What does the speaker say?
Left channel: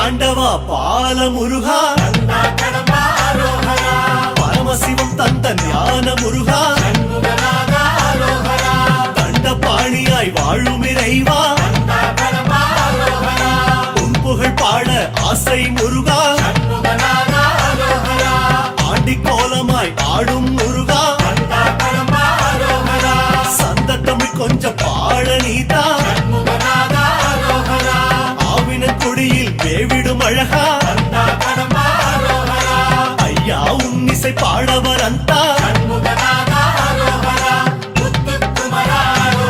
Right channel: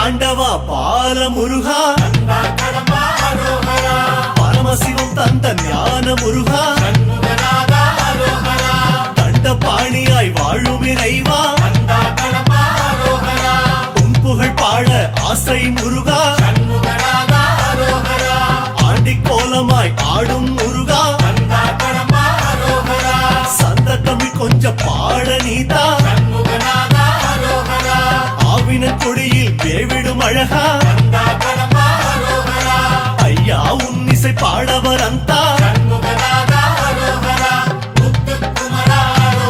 ஆண்டவா பால முருகா, பரமசிவம் தந்த ஞான முருகா, தண்டபாணியாய் வாழும் இறைவா, உன் புகழ் பாட ஆசை முருகா, ஆண்டி கோலமாய் ஆடும் முருகா, சந்த தமிழ் கொஞ்சம் பாட நீதா, ஆவின கொடியில் வேவிடும் அழகா, ஐயா உன் இசை பாடவர் அந்த